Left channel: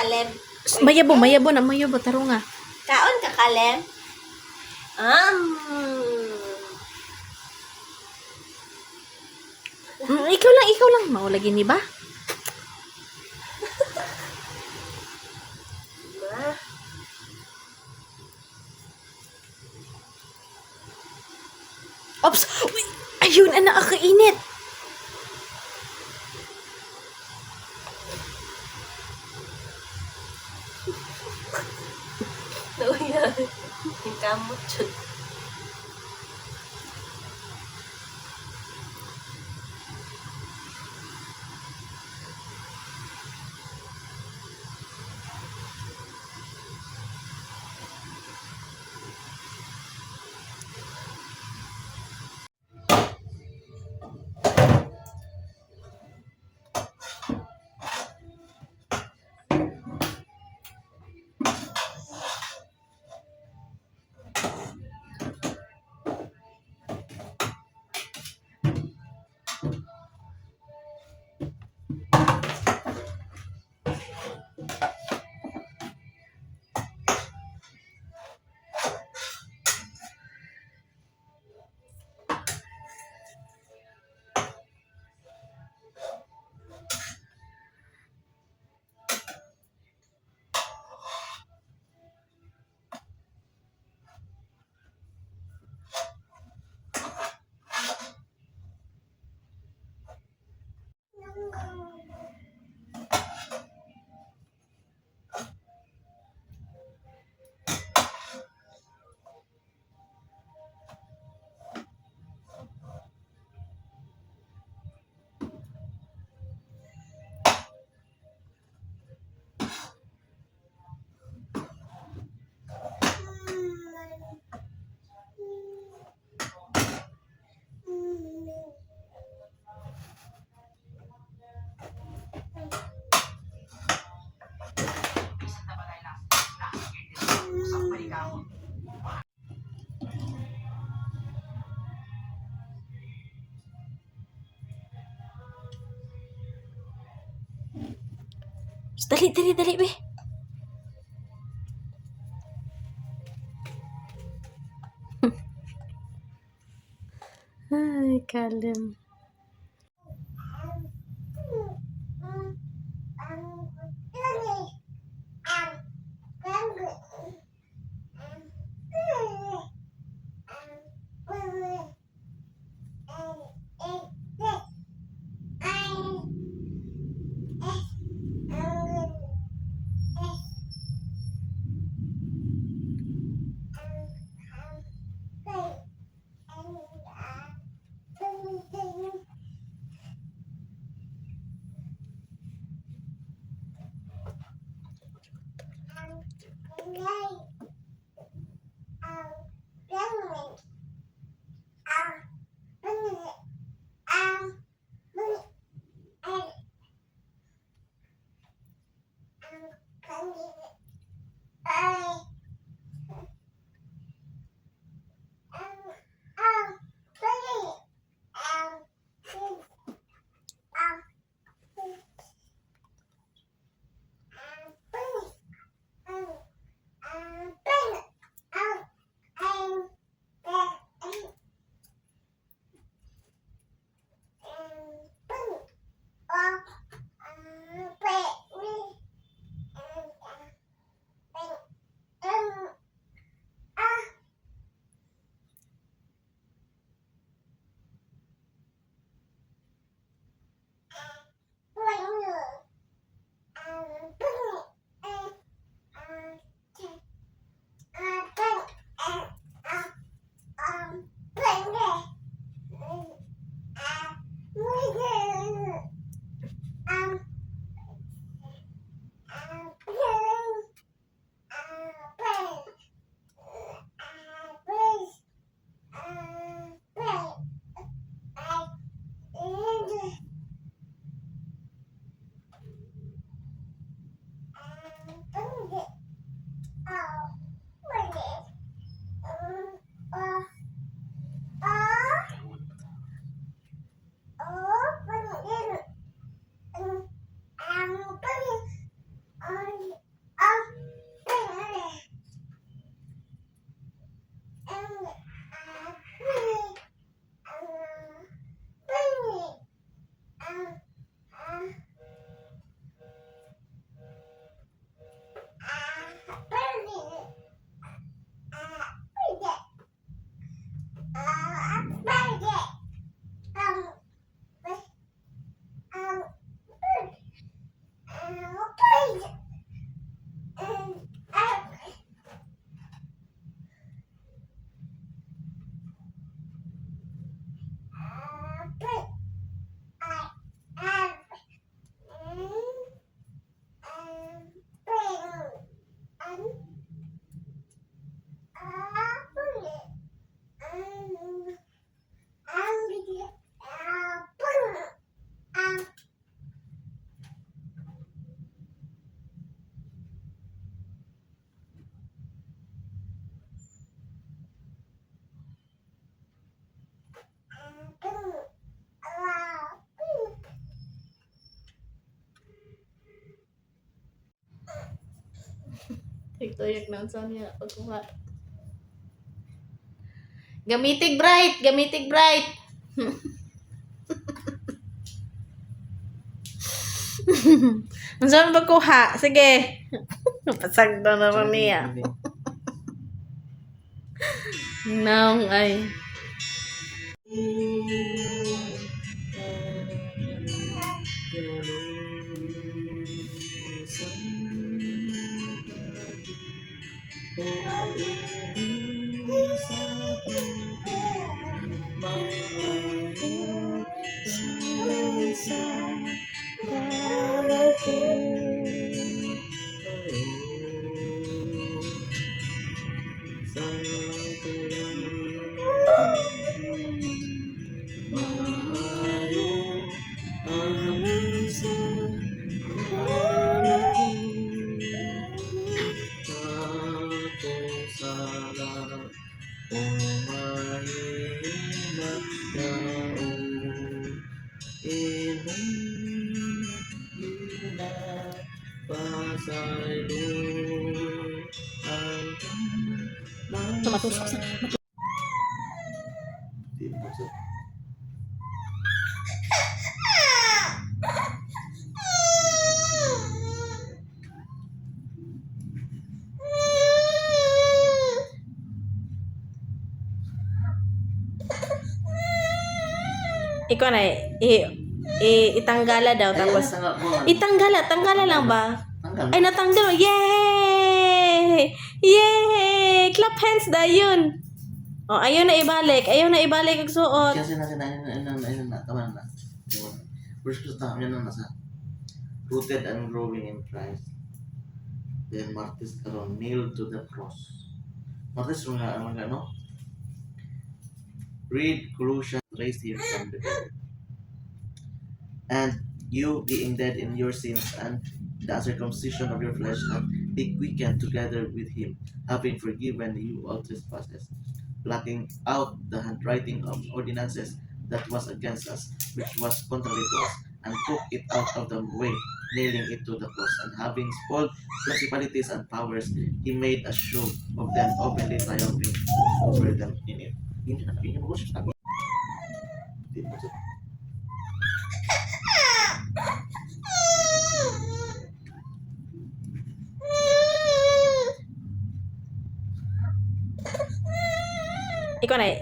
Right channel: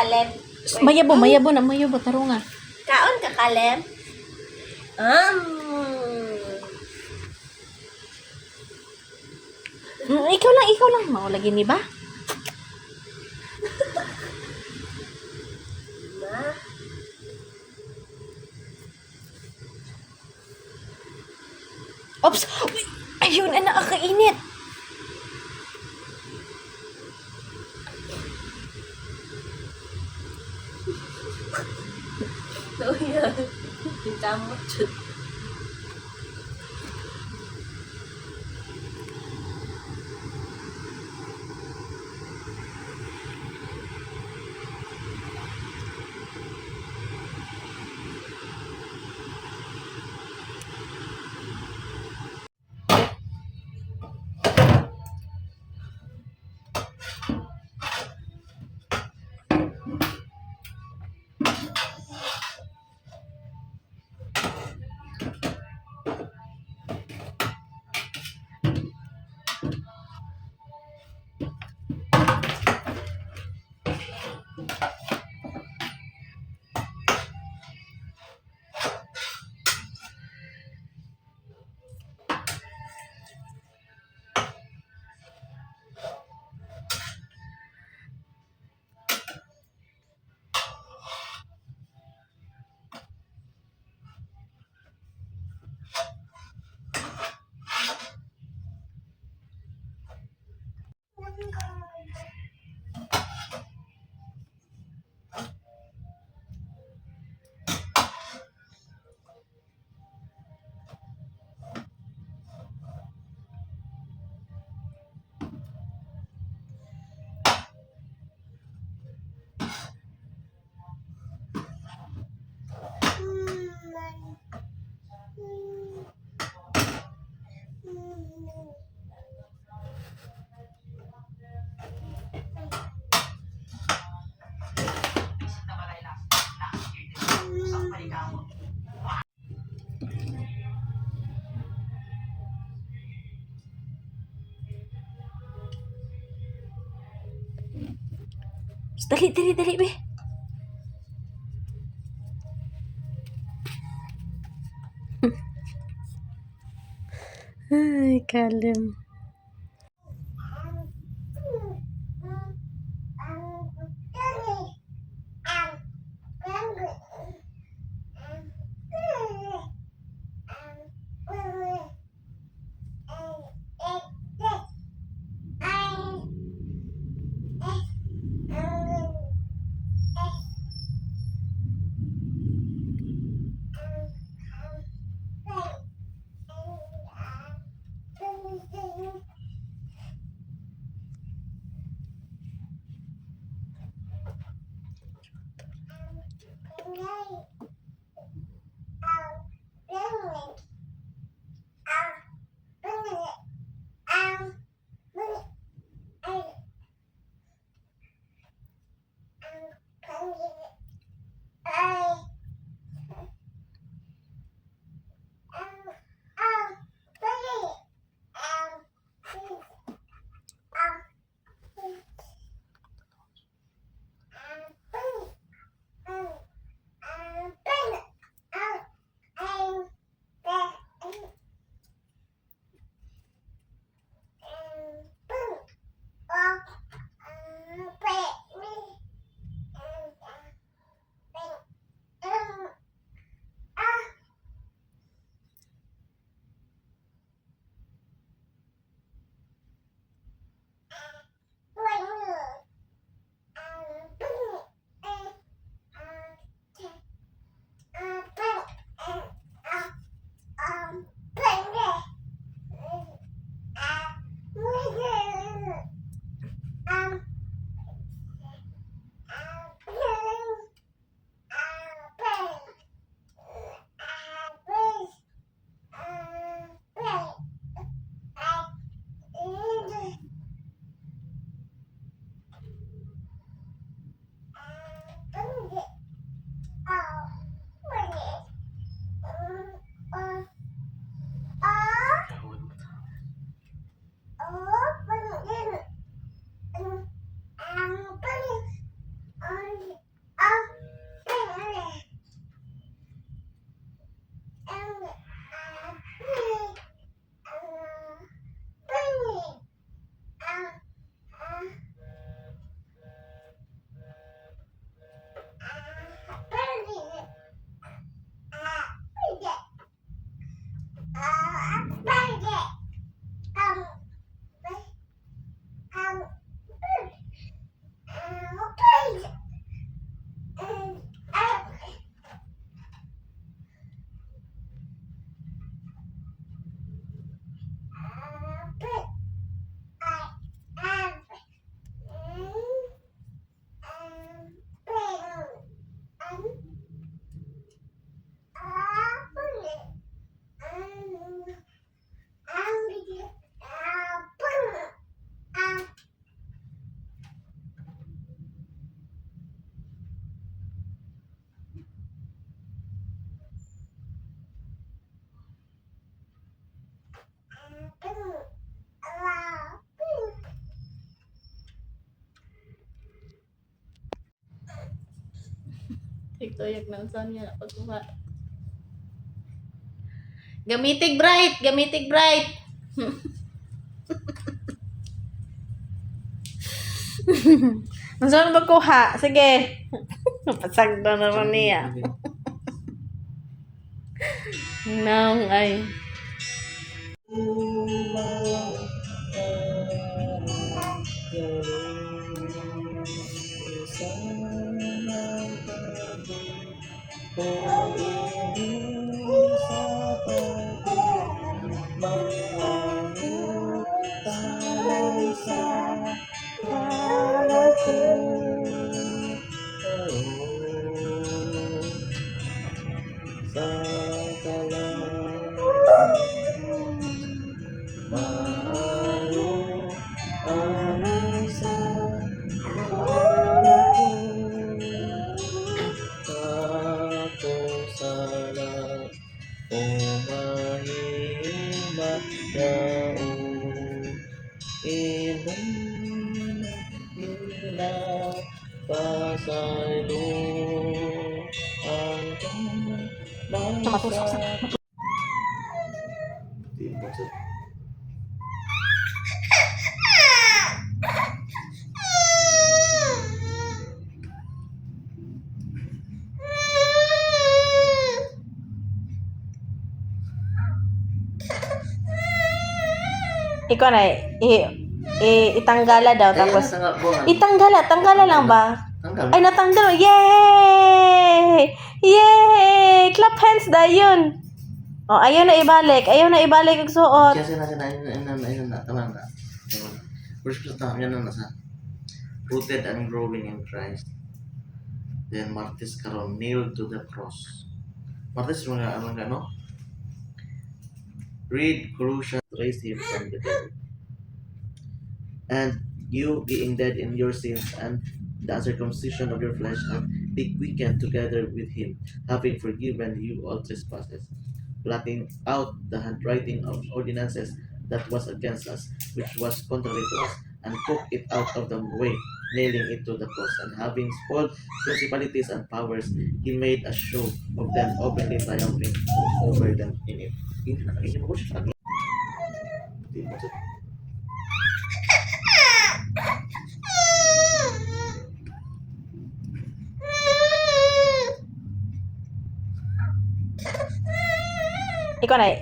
kalem. Mayabo na, taro nga. Kaon ka kalem. Ikaw lang. Maulagi ni ba? Ma. Ops! Uy, ayun, anak, kakainit. Nauya. Kintamot yun. Dali, be. Ay, kalem. tuyag na unsa niya pagkuha. Gamitig bright, gamitig bright. Unsa na pagkuha? Sige. Pasagda na ron niya. Nang ay. Tumatusok sa. Ikaw na itanggala daw tapos itanggala lang ba? Ay natanggal. Yay! Yay! Clap hands dayon. Oh, ayaw na ibalik ang suot. Kasi ayun na, tama na. First na, yan na nasa. Rooted and growing in Christ. Then martis karon nailed to the cross. Martis mga no? Read Colossians raised him from the dead. And you being dead in your sins and the uncircumcision of your flesh and be quickened together with him, having forgiven you all trespasses, blotting out the handwriting of ordinances that was against us, which was contrary to us, and took it out of the way, nailing it to the cross, and having spoiled principalities and powers, he made a show of them, openly triumphing over them in it. Ikaw na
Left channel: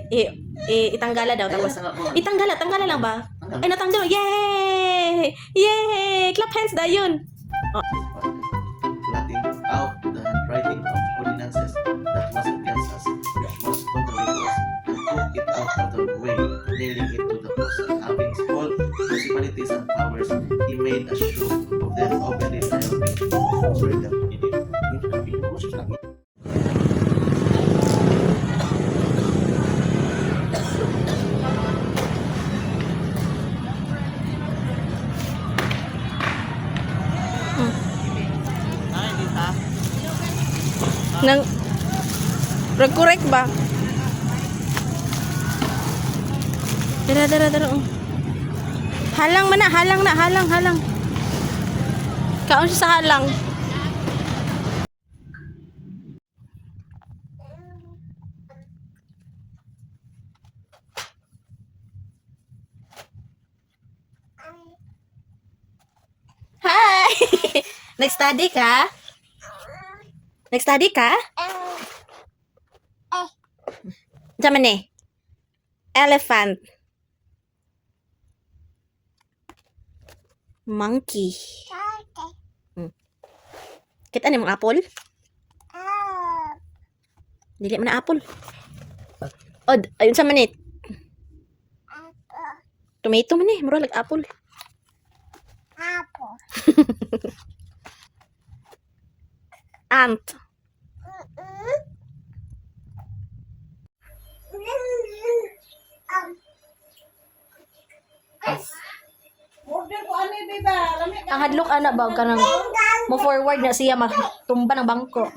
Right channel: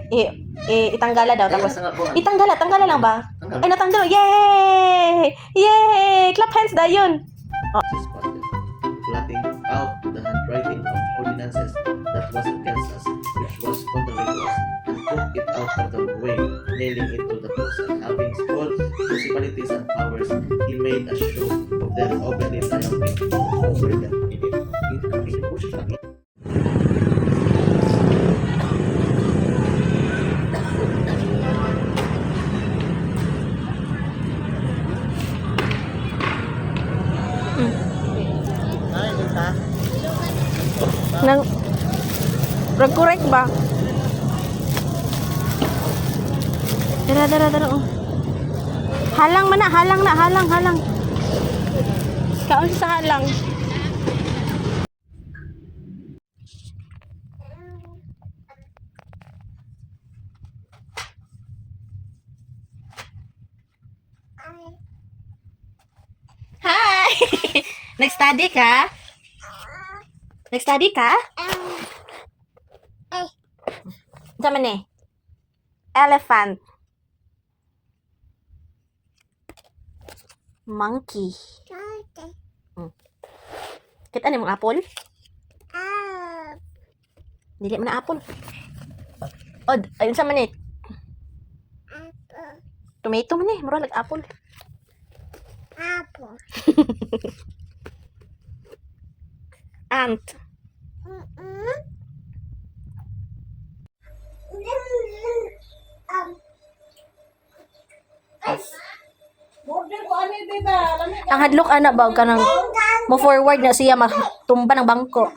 itanggala daw tapos itanggala lang ba? Ay natanggal. Yay! Yay! Clap hands dayon. Blotting out the handwriting of ordinances that was against us, which was contrary to us, and took it out of the way, nailing it to the cross, and having spoiled principalities and powers, he made a show of them, openly triumphing over them in it. Nang nag-correct ba? Dara. Oh. Halang man na, halang. Kaon siya sa halang. Hi! Nag-study ka? Nag-study ka? Diyan man elephant. Monkey. Kita ni mong apple? Dili man na apple. Od, ayun sa manit. Tomato man mura like apple. Ant. Ang hadlok anak ba ka nang mo forward na siya matumba ng bangko.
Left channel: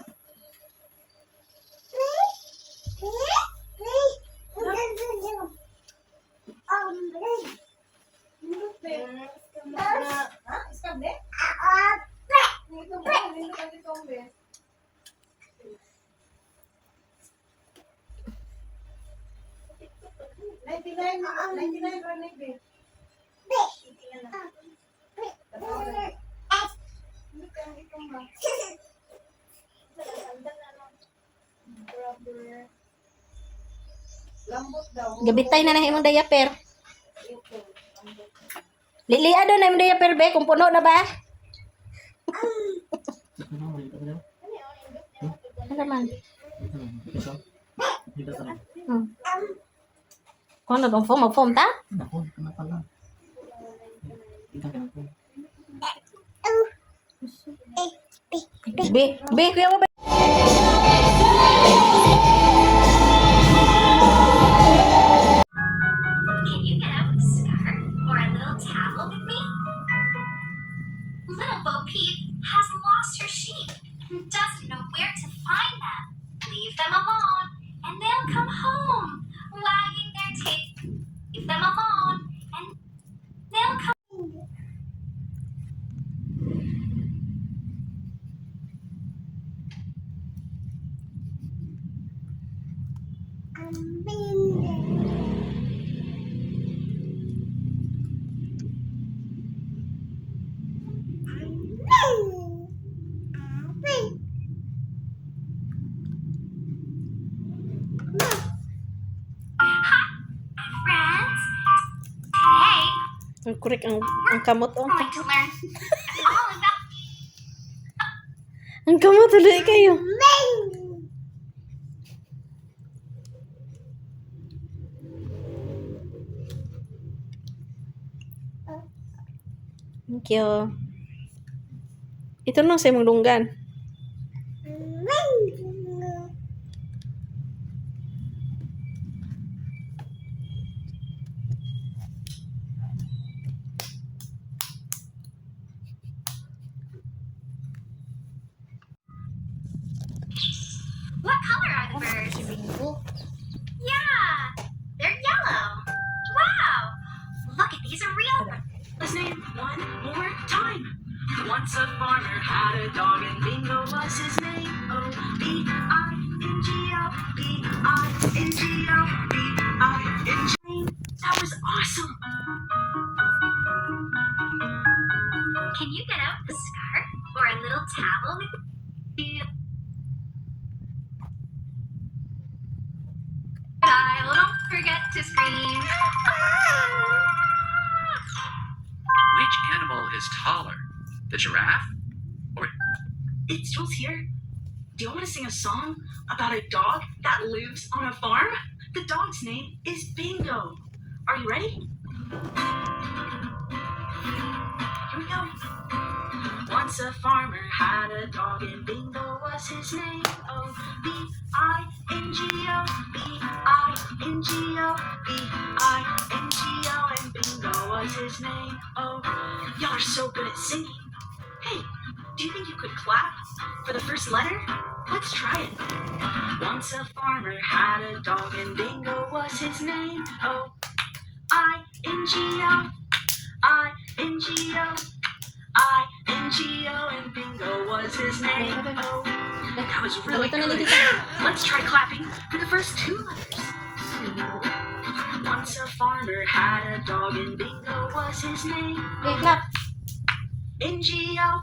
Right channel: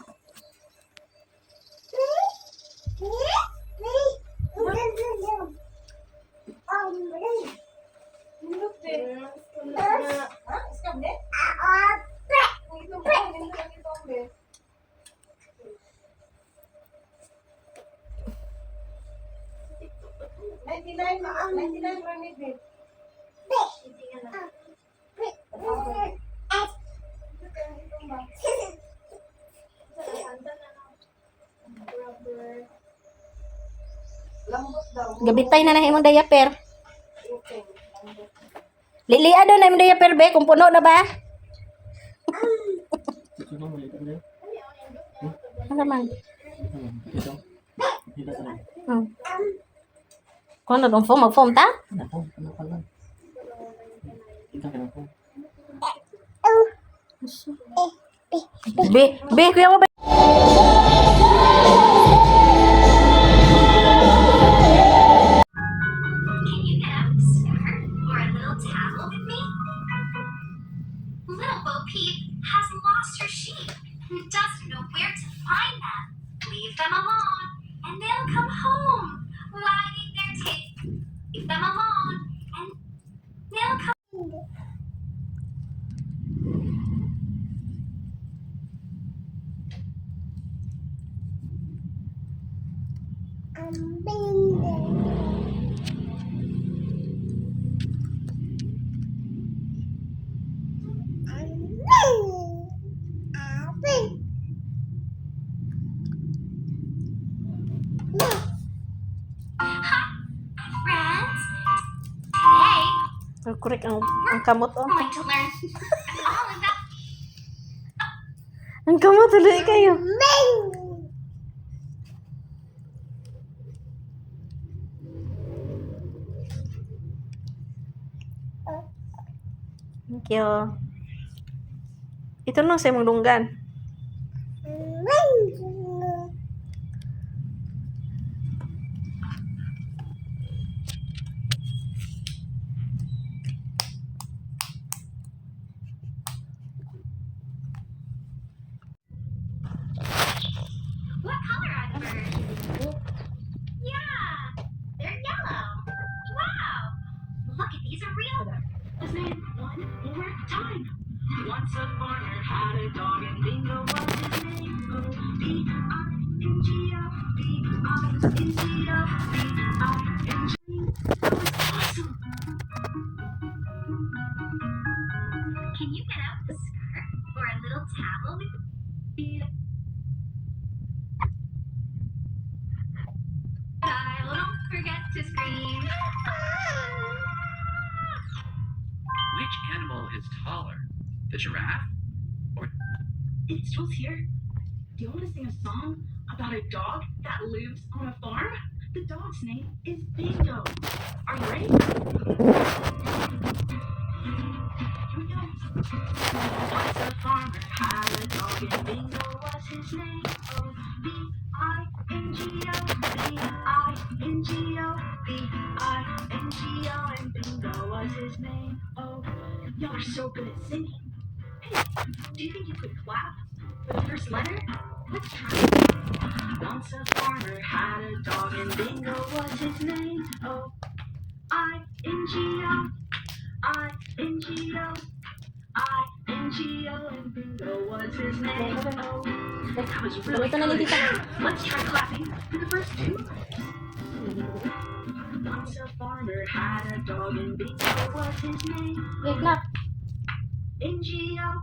Gabitay na imong diaper. Lilia do na imong diaper be kung puno na ba? Ano man? Kung ano dong foam, mag-foam ta? Be, kuya mo ba? Can you get out a scarf or a little towel with me? Little Bo Peep has lost her sheep and doesn't know where to find them. Leave them alone and they'll come home, wagging their tails. Leave them alone and they'll come. Friends, today Korek ang kamot oh. we're going to learn all about Ang kamot tuloy kayo. Thank you. Ito lang sa imong lunggan. what color are the birds? Yeah, they're yellow. Wow, look at these are real birds. His name one more time. Once a farmer had a dog and Bingo was his name. O-B-I-N-G-O, B-I-N-G-O, B-I-N-G. That was awesome. Can you get out a scarf or a little towel with me? Don't forget to scream. Which animal is taller? The giraffe? It's Jules here. Do you want to sing a song about a dog that lives on a farm? The dog's name is Bingo. Are you ready? Here we go. Once a farmer had a dog and Bingo was his name. O-B-I-N-G-O, B-I-N-G-O, B-I-N-G-O, and Bingo was his name. Oh, y'all are so good at singing. Hey, do you think you could clap for the first letter? Let's try it. Once a farmer had a dog and Bingo was his name. O-I-N-G-O, I-N-G-O, I-N-G-O, and Bingo was his name. Oh, that was really good. Let's try clapping for the first two letters. Once a farmer had a dog and Bingo was his name. Hey, clap. N-G-O,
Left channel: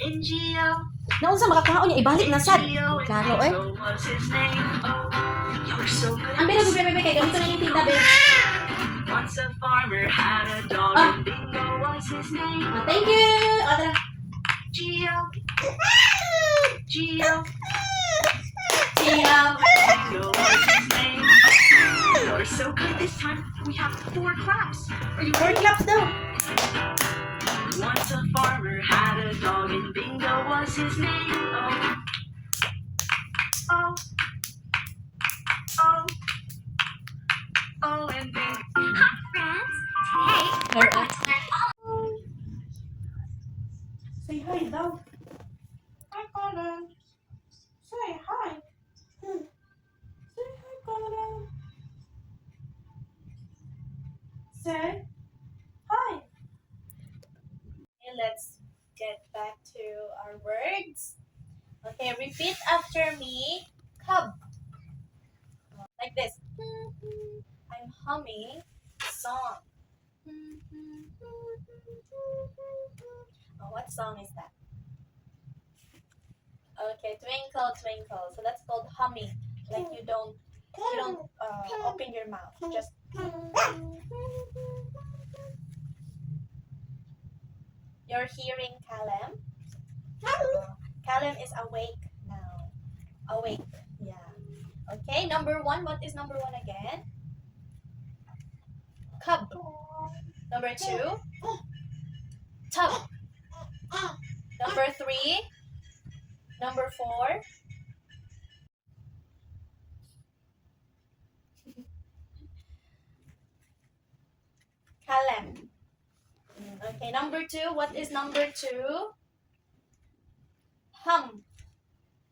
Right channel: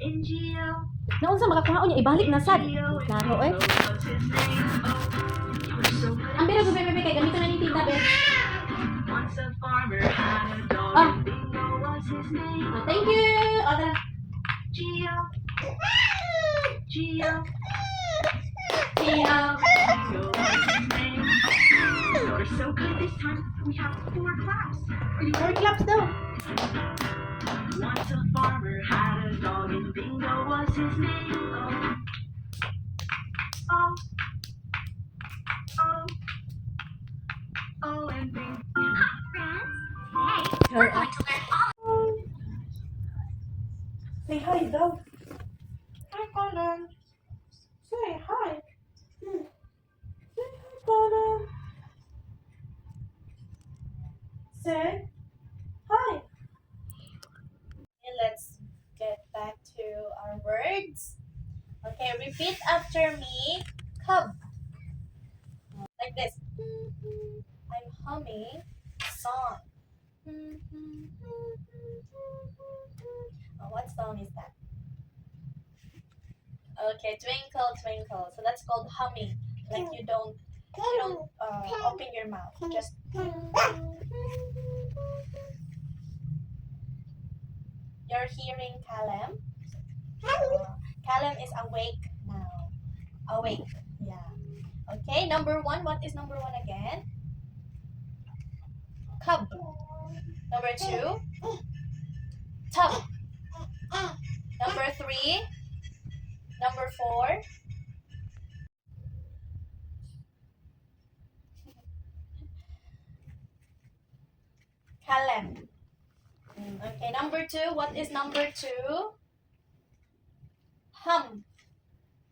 N-G-O, Naon sa makakaon niya ibalik na sad. N-G-O, and Klaro eh. Bingo was his name. Oh, you're so good. Ang bela bebe kay gamit na ning tinta be. Once a farmer had a dog Ah. and Bingo was his name. Thank you. Adra. G-O, G-O, Ciao. Bingo was his name. You're so good. This time we have 4 claps. Are you Four ready? claps daw. Once a farmer had a dog and Bingo was his name. Oh, oh, oh, and Bingo. Hi, friends. Today we're going to learn all. Say hi daw. Hi, Conan. Say hi. Say hi, Conan. Say hi. Okay, let's get back to our words. Okay, repeat after me. Cub. Like this. I'm humming a song. Oh, what song is that? Okay, Twinkle Twinkle. So that's called humming. Like you don't You don't open your mouth. Just you're hearing Callum. Callum is awake now. Awake. Yeah. Okay. Number 1. What is number 1 again? Cub. Number 2. Tub. Number 3. Number 4. Callum. Okay, number 2. What is number 2? Hum.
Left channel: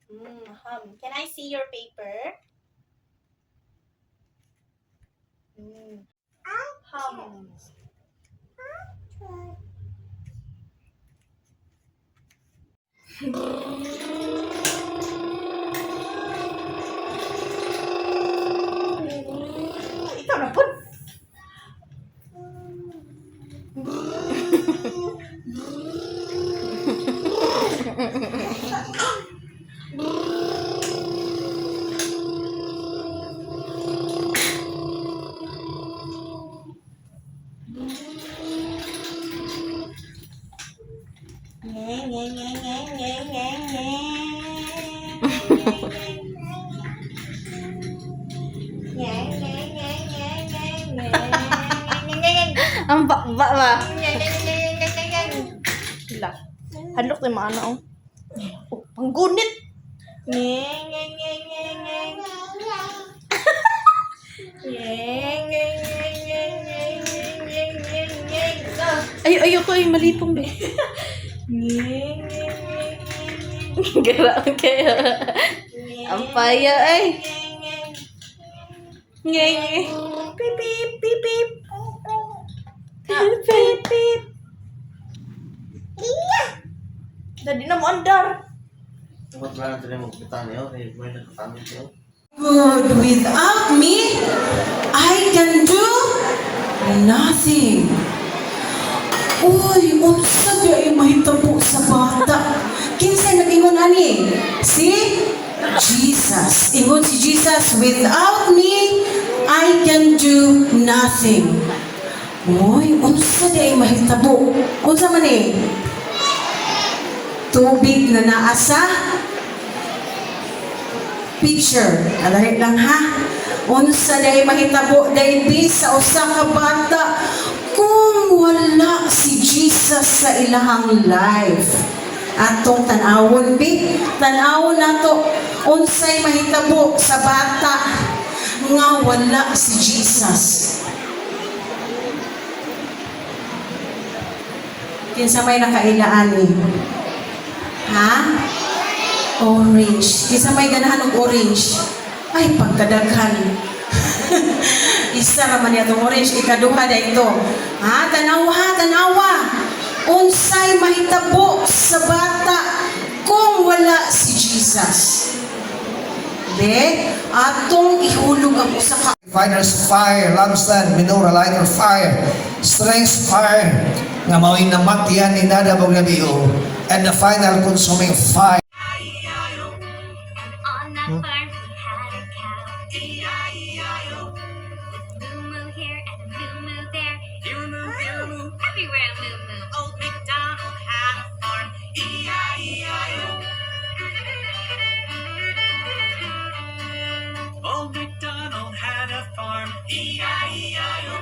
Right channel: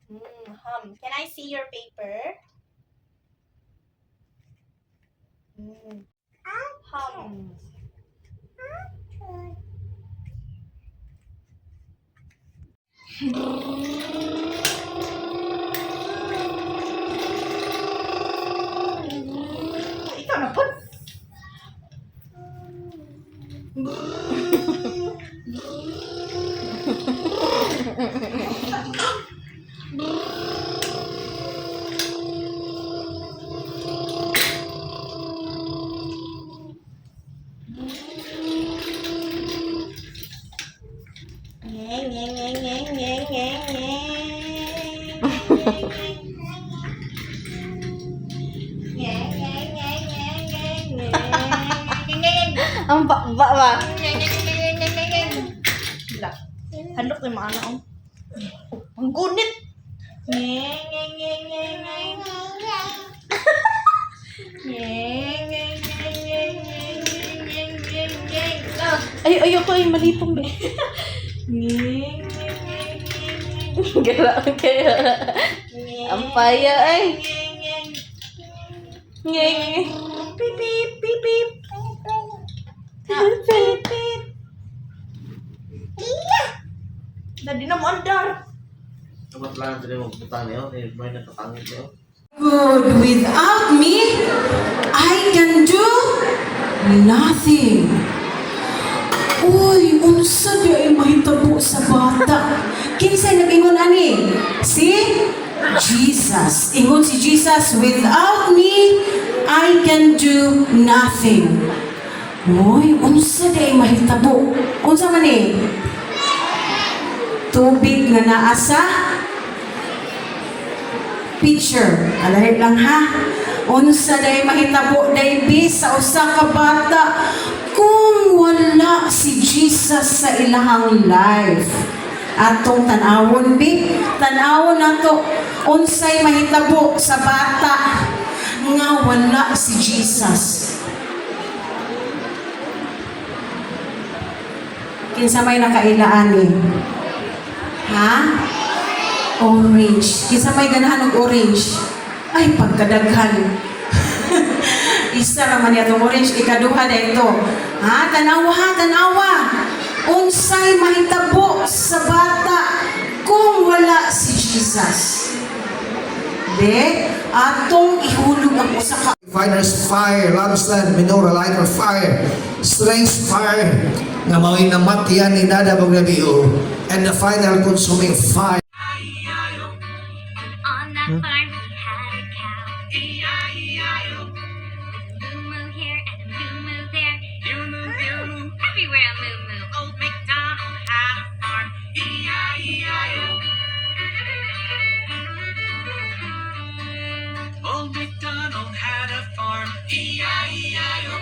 Hum. Can I see your paper? Hum. Ikaw na po. Ang bakba ba? Hadlok na mga ano. Ang gunit. Ayoko ay malipong be. Grabe kayo. Ang paya ay. Ngeng. Pip pip pip pip. Pip pip. Dadi na mo andar. Ano ba lang tayo magpunta niyo? May nagkatangit niyo? Good. Without me, I can do nothing. Uy, unsa ba ay mahitabo sa bata? Kinsay nag-ingon ani? Si Jesus. Ingon si Jesus, without me, I can do nothing. Uy, unsa ba ay mahitabo? Unsa man eh? Tubig na naasa picture. Alarit lang ha. Unsa day mahitabo day sa usa ka bata kung wala si Jesus sa ilahang life. Atong tanawon bi, tanawon nato unsay mahitabo sa bata nga wala si Jesus. Kinsa may nakailaan ni? Ha? Orange. Kinsa may ganahan og orange? Ay, pagkadaghan. Isa raman niya itong orange. Ikaduha na ito. Ha? Tanawa. Unsay mahitabo sa bata kung wala si Jesus. De, atong ihulog ang usa ka Fighter's fire, lampstand, menorah, lighter fire, strength fire, nga mao'y namatian ni Nada Bognabiho, and the final consuming fire. On that farm he had a cow. E-I-E-I-O. Moo moo here and a moo moo there. Moo. Everywhere a moo moo. Old MacDonald had a farm. E-I-E-I-O. Old MacDonald had a farm, E-I-E-I-O.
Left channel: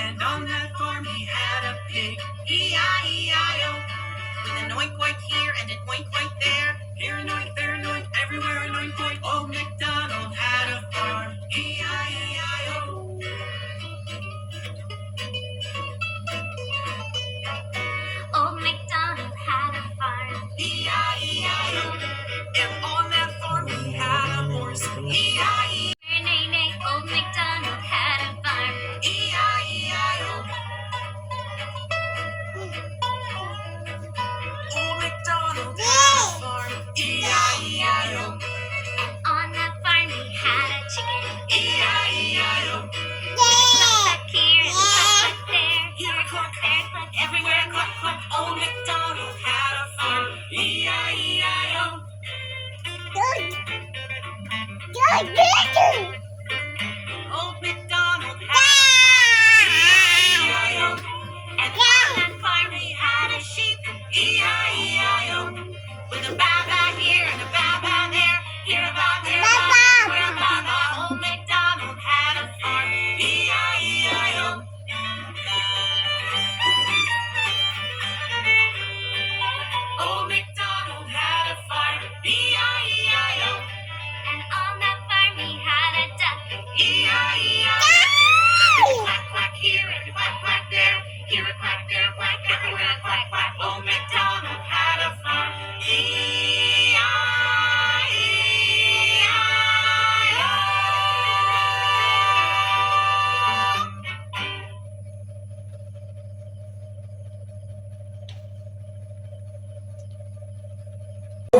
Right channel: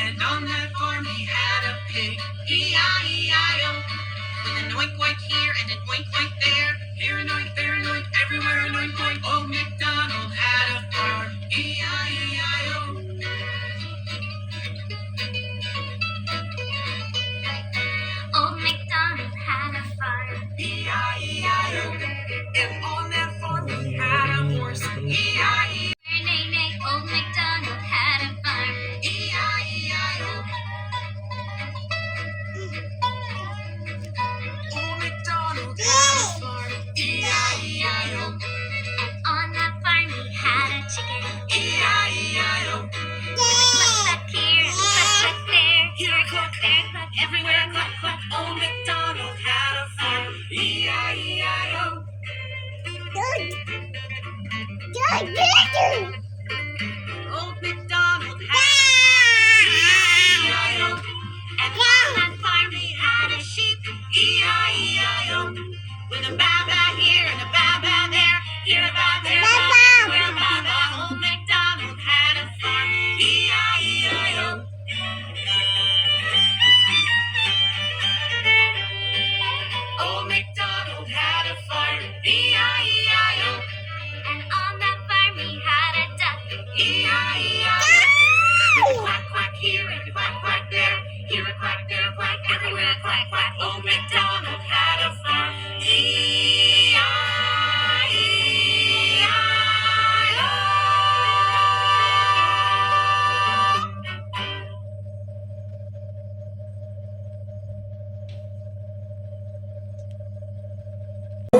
And on that farm he had a pig, E-I-E-I-O. With an oink oink here and an oink oink there. Here an oink, there an oink, everywhere an oink oink. Old MacDonald had a farm, E-I-E-I-O. Old MacDonald had a farm. E-I-E-I-O. And on that farm he had a horse, E-I-E. Nay nay, old MacDonald had a farm. E-I-E-I-O. Old MacDonald had a farm, E-I-E-I-O. And on that farm he had a chicken. E-I-E-I-O. Cluck here and cluck there. Here a cluck, there a cluck, everywhere a cluck cluck. Old MacDonald had a farm, E-I-E-I-O.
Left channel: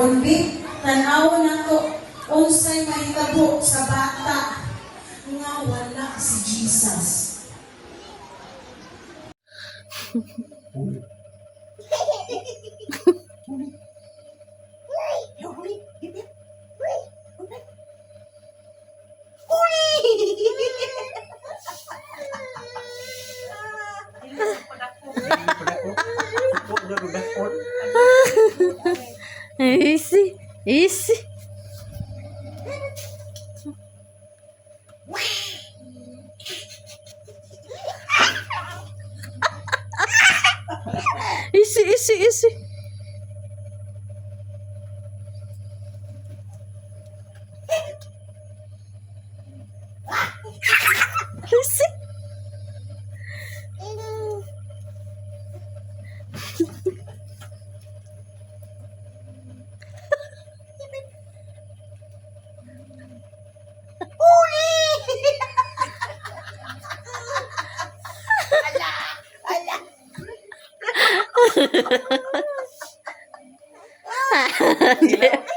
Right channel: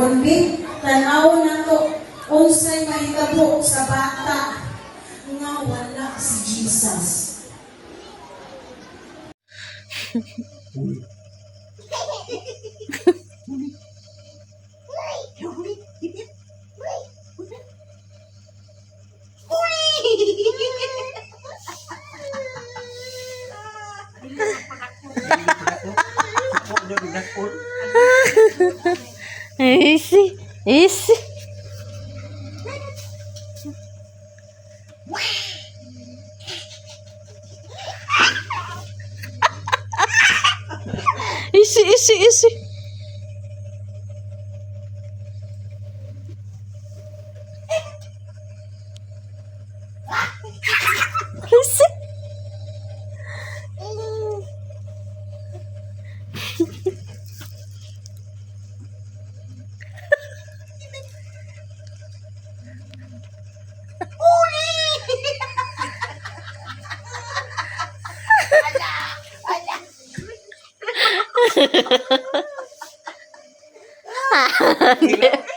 kundi tanawon nato unsay mahitabo sa bata nga wala si Jesus. Easy. Easy. Easy, easy, easy. Easy.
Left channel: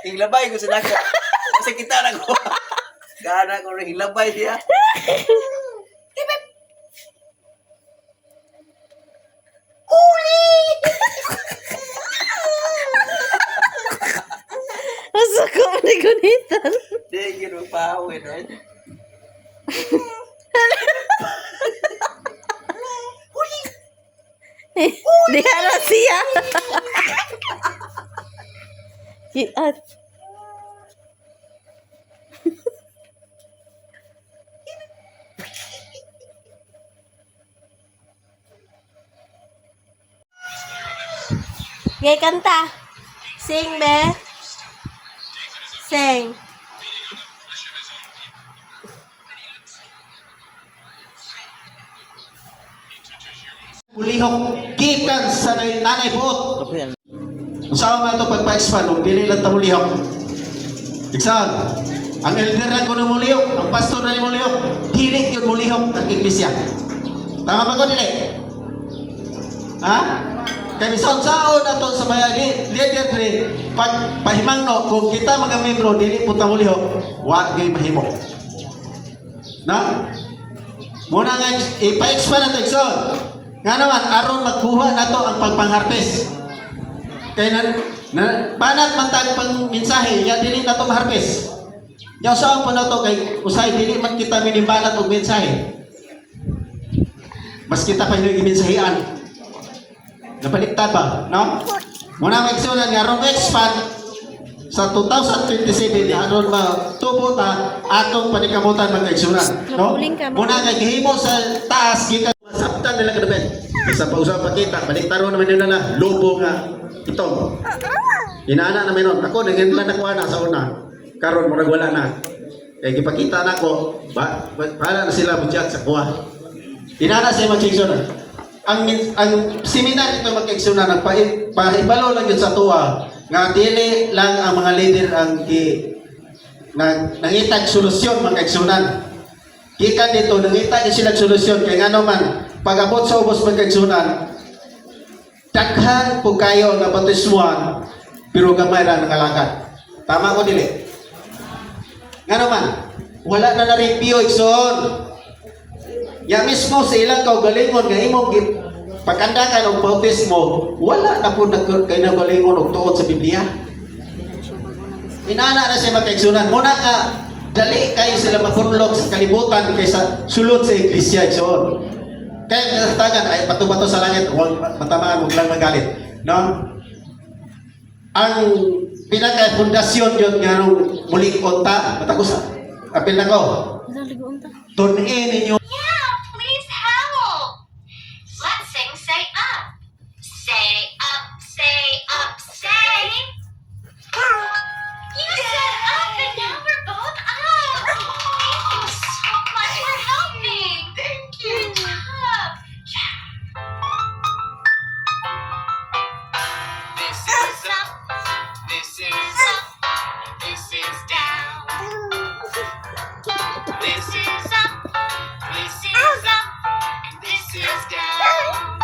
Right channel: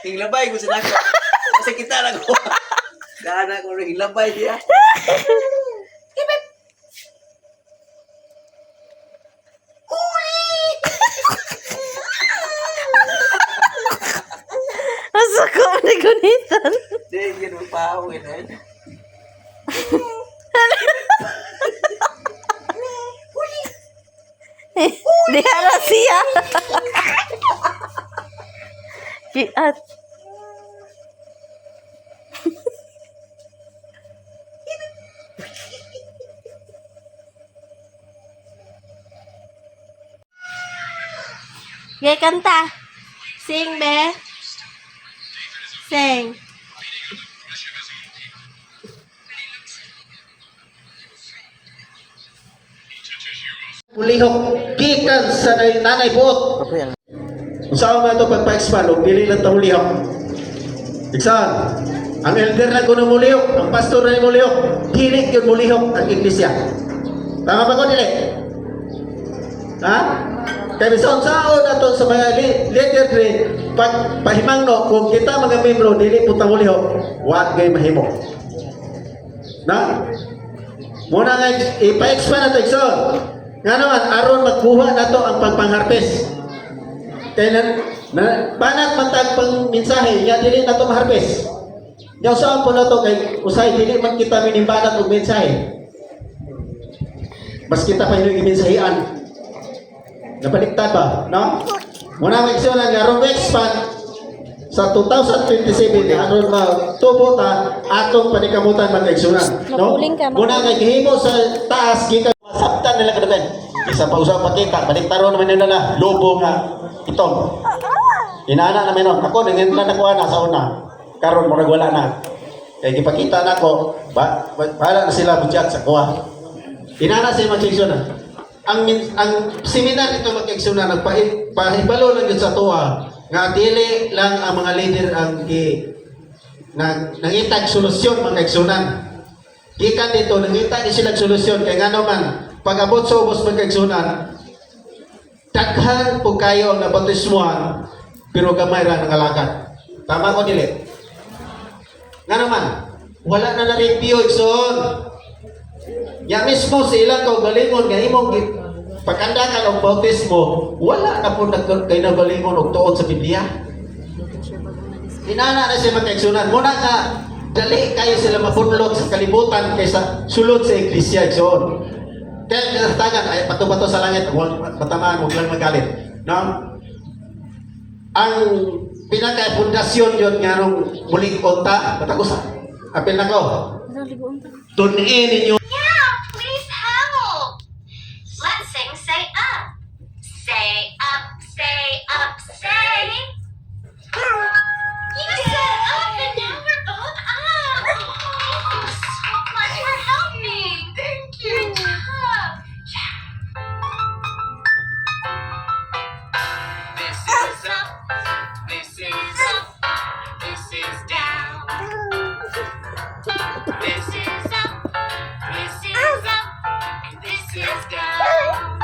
Hilabay ko sila ko. Kasi kita na ko. Gana ko rin hilabay siya. Asa ko ni gunitan? Di, yun ang pahawin eh. Di ara siya. Kiat. Gay kanta. Sing be. Sing. Ulihok gikan sa nanay buot. Apa yang Usahaw man ito pagpa-expand, kung dili lang ito mulihok. Iksan, ang elder na ko ng mulihok, ang pastor na yung mulihok, dili yun mulihok ang iglesia. Tama ba ko dili? Ha? Kaya bisan sao na ito sa mga leader rin, pag pahimangno, kung kita mga membro, dili punta mulihok, wag gay mahimo. Na? Muna nga, ipa-expand na ito, Iksan. Nga naman, aron magkuha na ito ang pagpang-harvest. Kaya banat matag pang mensahe, ya dili na itong harvest. Diyaw saan po na ito, kay usay, dili man kita minimbanat og mensahe. Mas kita pa yung mensahean. Napaliktad ba, no? Muna magsunan nga, aron expand sa 2027, aron matubo ta, atong panikamutan magkaigsunan. No? Muna nga, gihimo sa taas, sabtan nila kadabay. Isa pa usap pa kita, baliktaro naman nila na, lobo nga, itong. Inaana naman nun. Ako, nangyayari ako na sa una. Karon murag wala na. Kaya gipakita na ko, para na sila bujak sa kuha. Inaana sa imang kaigsuna. Ang seminar ito magkaigsuna, nagpahibalo lang yun sa tuwa, nga dili lang ang mga leader ang nangitag solusyon magkaigsunan. Gikan dito, nangitag sila solusyon. Kaya nga naman, pag-abot sa ubos magkaigsunan, daghan po kayo ang nabatismuhan, pero gamay ra ng alagad. Tama ko dili? Nga naman, wala na na-review ikson. Ya mismo sa ilang kaugalingon, nga imong pagkandakan og bautismo, wala na po kay nagalingon og tuod sa Biblia. Inana na siya magkaigsunan. Muna ka, dali kayo sila mapunlot sa kalibutan kaysa sulod sa iglesia ikson. Kaya kinatagan ay bato-bato sa langit, huwag matamaan, huwag lang magalit. No? Ang pinaka-pundasyon yun nga nung muling konta, matagos, apil na ko. Tunin ninyo. Yeah, please help. Let's sing say up. Say up, say up, say. You said up and now we're both up. Thank you so much for helping. Thank you. You're tough. This is up. This is up. This is down. This is up. This is up. And this is down.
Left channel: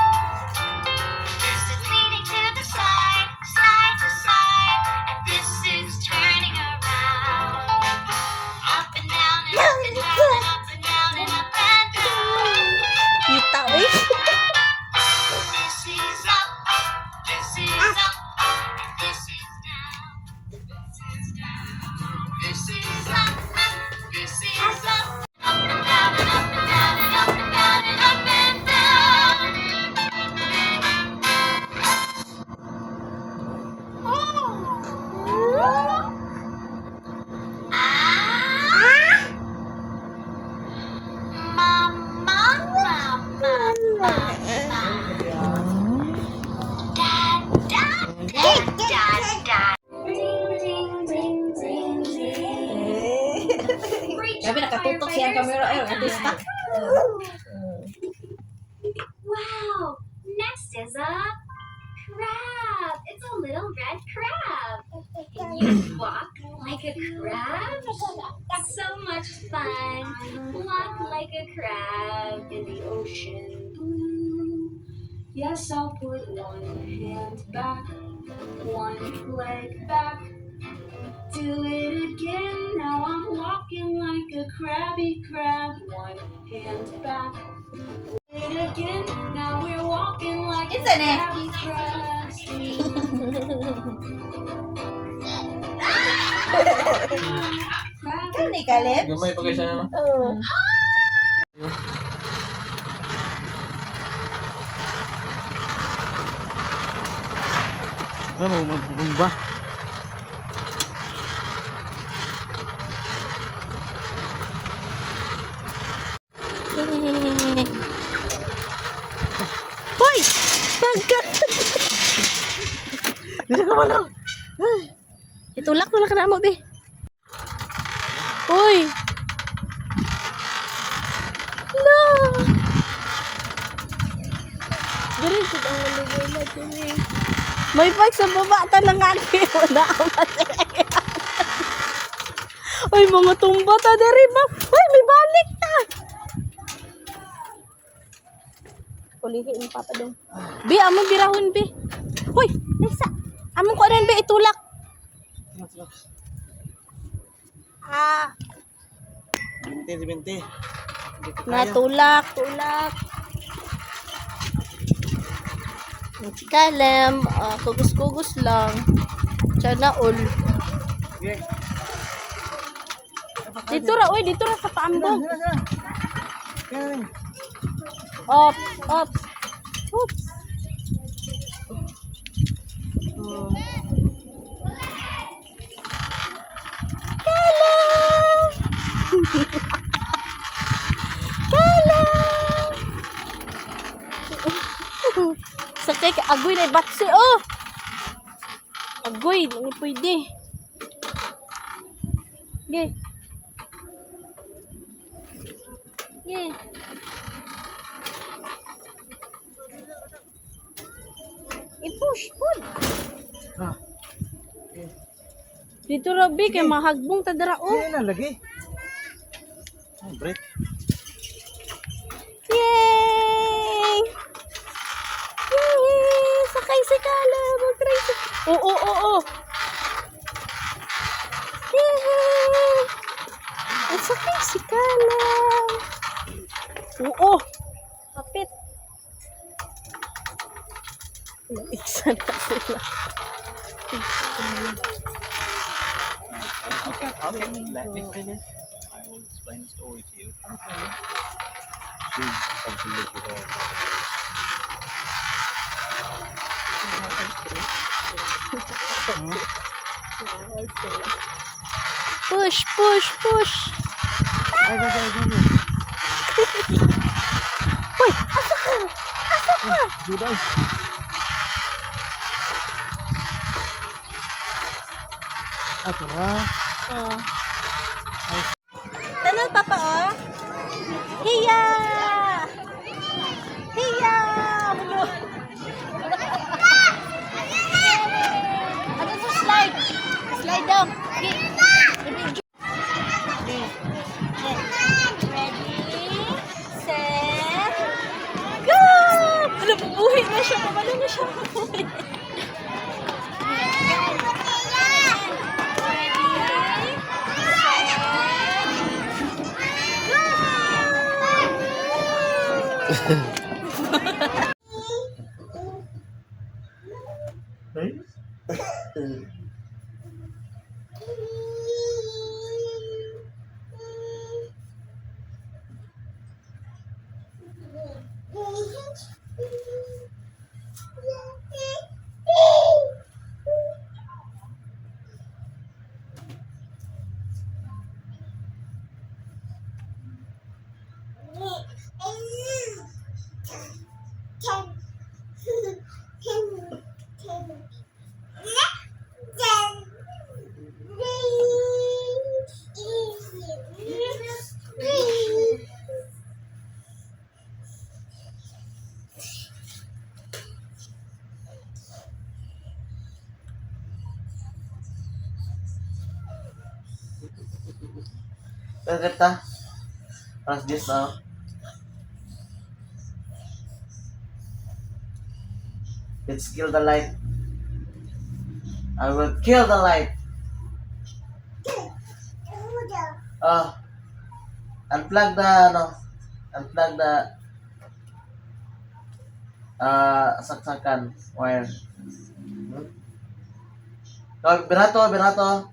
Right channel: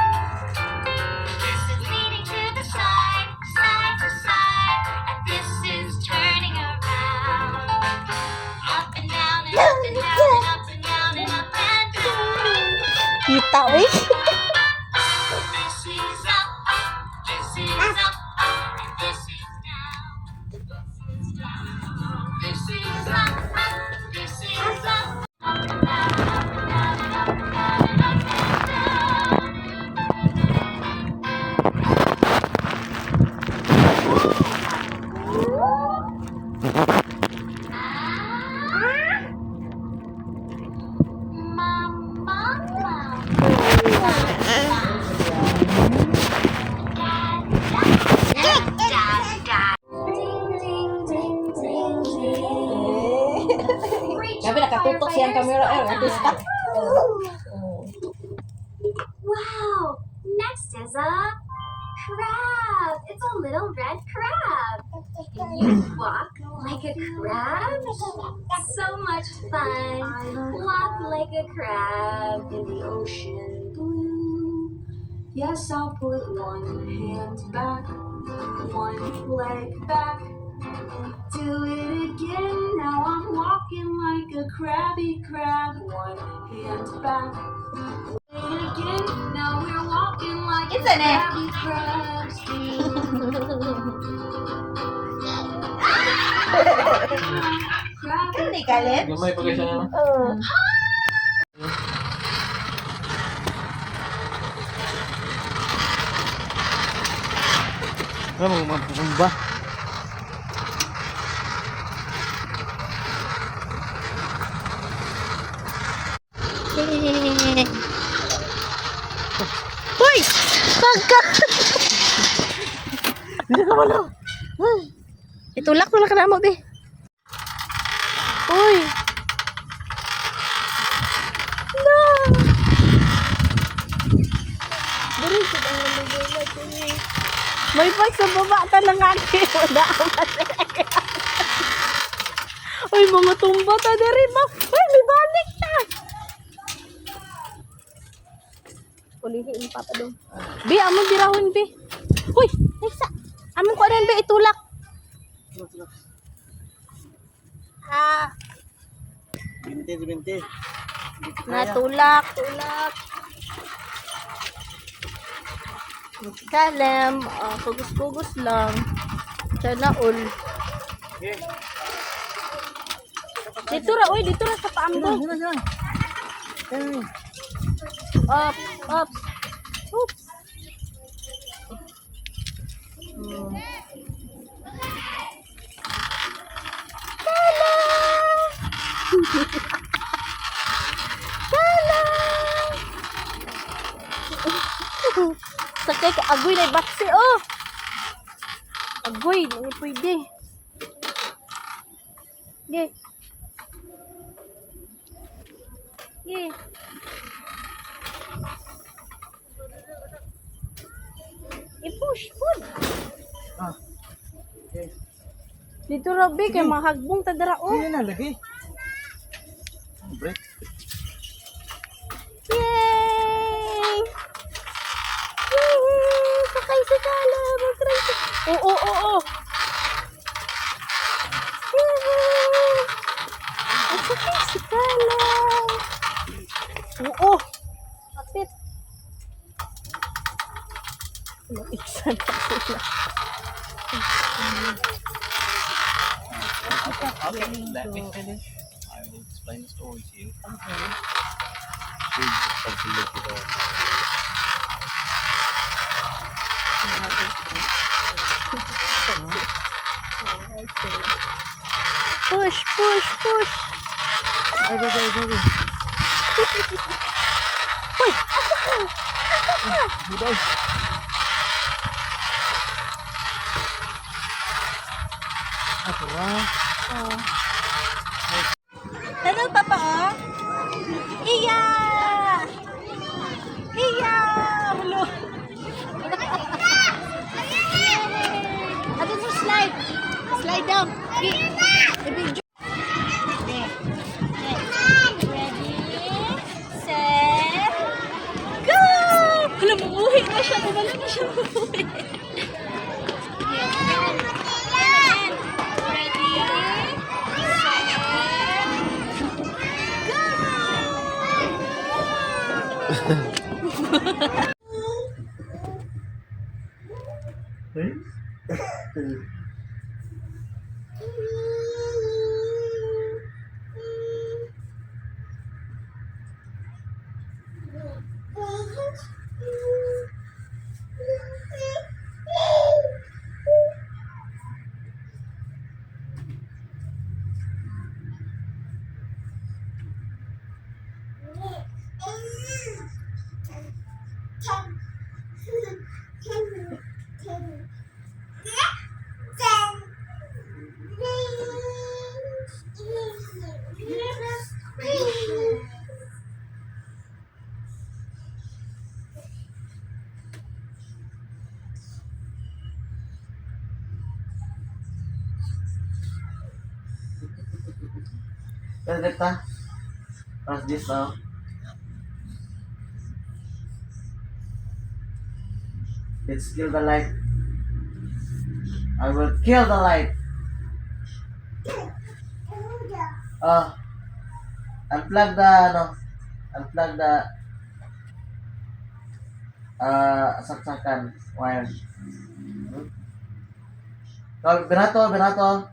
balik. This is up. This is up. This is down. This is down. This is up. This is up. Up and down and up and down and up and down and up and down. Grabe, nakatutok siyang camera. Artista. Wow! Next is a crab. It's a little red crab. You walk like a crab. So much fun. Walk like a crab in the ocean blue. Yes, I'll put one hand back, one leg back. Do it again. Now I'm walking like a crabby crab. One hand back. Do it again. Now we're walking like a crabby crabs. Kan ni Kaleb? Gamay pa kayo siya naman. Oo. Ano mo mabumba? Hoy! Pagka! Hindi ka wala. Itulak na mo, be. Uy! No! Diri, sidang malugay na ito eh. May pag sa baba talaga na Uy, mga tumba ta diri ba? Uy, may balik ta! Ulihin pa pa dong. Be, among birahon, be. Uy, Lisa! Among ko rin, be, itulak. Ah, Binti. natulak. Kalem, kugus-kugus lang. Tiyan all. Dito ra sa paambog. Up. Oops. Sakay ka, agoy na baksi, oh! Agoy, hindi pwede. Ge. I-push, pun. Ah. Dito Robby, kay mahagbong tadara, oh. Hindi na lagi. Break. Yay! Sakay si Kala, mag-try si... Oo. Yay! Sakay si Kala. Oo. Kapit. Maiksan pa sila. Okay, let me finish. I will explain the story to you. Okay. Push. Hello, Papa, oh. Iya! Hello. Ano mo slide? Slide down. Ready, set, go! Wala, mamuhi na siya. Pero kita, press this now. Let's kill the light. I will kill the light. Unplug the, unplug the, saksakan wire. Oh, binato.